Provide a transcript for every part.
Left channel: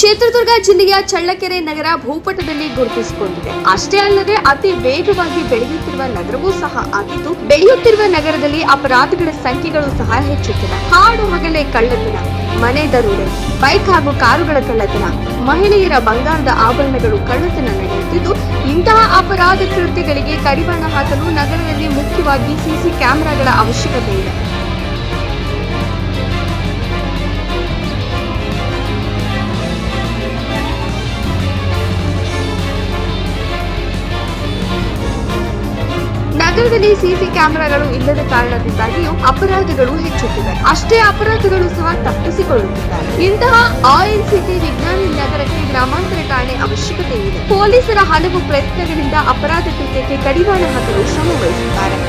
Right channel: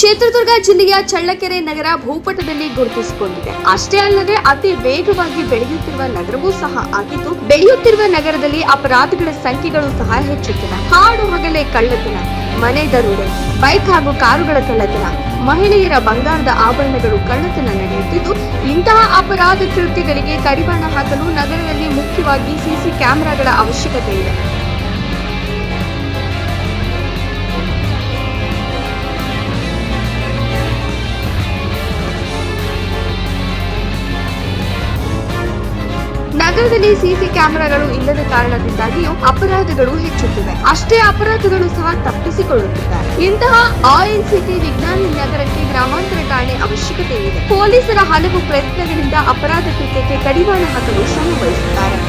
ಚಿತ್ರದುರ್ಗ ಜಿಲ್ಲೆಯ ಚಳ್ಳಕೆರೆ ನಗರ ಭೂಪಟದಲ್ಲಿ ಗುರುತಿಸಿಕೊಂಡಿದೆ. ಅಷ್ಟೇ ಅಲ್ಲದೆ ಅತಿ ವೇಗವಾಗಿ ಬೆಳೆಯುತ್ತಿರುವ ನಗರವೂ ಸಹ ಆಗಿದ್ದು, ಬೆಳೆಯುತ್ತಿರುವ ನಗರದಲ್ಲಿ ಅಪರಾಧಗಳ ಸಂಖ್ಯೆಗಳು ಸಹ ಹೆಚ್ಚುತ್ತಿವೆ. ಹಾಡು ಹಗಲೇ ಕಳ್ಳತನ, ಮನೆ ದರೋಡೆ, ಬೈಕ್ ಹಾಗೂ ಕಾರುಗಳ ಕಳ್ಳತನ, ಮಹಿಳೆಯರ ಬಂಗಾರದ ಆಭರಣಗಳು ಕಳ್ಳತನ ನಡೆಯುತ್ತಿದ್ದು, ಇಂತಹ ಅಪರಾಧ ಕೃತ್ಯಗಳಿಗೆ ಕಡಿವಾಣ ಹಾಕಲು ನಗರದಲ್ಲಿ ಮುಖ್ಯವಾಗಿ ಸಿಸಿ ಕ್ಯಾಮೆರಾಗಳ ಅವಶ್ಯಕತೆ ಇದೆ. ನಗರದಲ್ಲಿ ಸಿಸಿ ಕ್ಯಾಮೆರಾಗಳು ಇಲ್ಲದ ಕಾರಣದಿಂದಾಗಿಯೂ ಅಪರಾಧಗಳು ಹೆಚ್ಚುತ್ತಿವೆ. ಅಷ್ಟೇ ಅಪರಾಧಗಳು ಸಹ ತಪ್ಪಿಸಿಕೊಳ್ಳುತ್ತಿದ್ದಾರೆ. ಇಂತಹ ಆಯಿಲ್ ಸಿಟಿ ವಿಜ್ಞಾನಿ ನಗರಕ್ಕೆ ಗ್ರಾಮಾಂತರ ಠಾಣೆ ಅವಶ್ಯಕತೆ ಇದೆ. ಪೊಲೀಸರ ಹಲವು ಪ್ರಯತ್ನಗಳಿಂದ ಅಪರಾಧ ಕೃತ್ಯಕ್ಕೆ ಕಡಿವಾಣ ಹಾಕಲು ಶ್ರಮ ವಹಿಸುತ್ತಾರೆ.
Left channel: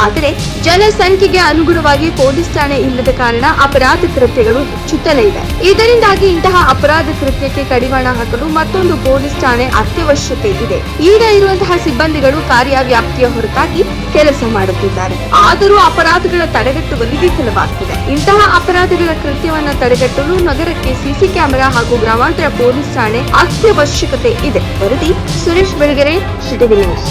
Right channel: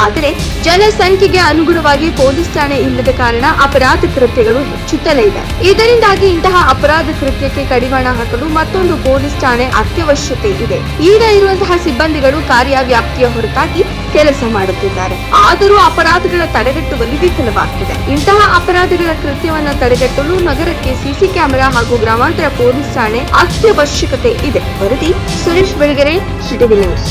ಆದರೆ ಜನಸಂಖ್ಯೆಗೆ ಅನುಗುಣವಾಗಿ ಪೊಲೀಸ್ ಠಾಣೆ ಇಲ್ಲದ ಕಾರಣ ಅಪರಾಧ ಕೃತ್ಯಗಳು ಹೆಚ್ಚುತ್ತಲೇ ಇದೆ. ಇದರಿಂದಾಗಿ ಇಂತಹ ಅಪರಾಧ ಕೃತ್ಯಕ್ಕೆ ಕಡಿವಾಣ ಹಾಕಲು ಮತ್ತೊಂದು ಪೊಲೀಸ್ ಠಾಣೆ ಅತ್ಯವಶ್ಯಕತೆ ಇದೆ. ಈಗ ಇರುವಂತಹ ಸಿಬ್ಬಂದಿಗಳು ಕಾರ್ಯವ್ಯಾಪ್ತಿಯ ಹೊರತಾಗಿ ಕೆಲಸ ಮಾಡುತ್ತಿದ್ದಾರೆ. ಆದರೂ ಅಪರಾಧಗಳ ತಡೆಗಟ್ಟುವಲ್ಲಿ ವಿಫಲವಾಗ್ತಿದೆ. ಇಂತಹ ಅಪರಾಧಗಳ ಕೃತ್ಯವನ್ನ ತಡೆಗಟ್ಟಲು ನಗರಕ್ಕೆ ಸಿಸಿ ಕ್ಯಾಮೆರಾ ಹಾಗೂ ಗ್ರಾಮಾಂತರ ಪೊಲೀಸ್ ಠಾಣೆ ಅತ್ಯವಶ್ಯಕತೆ ಇದೆ. ವರದಿ ಸುರೇಶ್ ಬೆಳಗೆರೆ, ಸಿಟಿ ನ್ಯೂಸ್.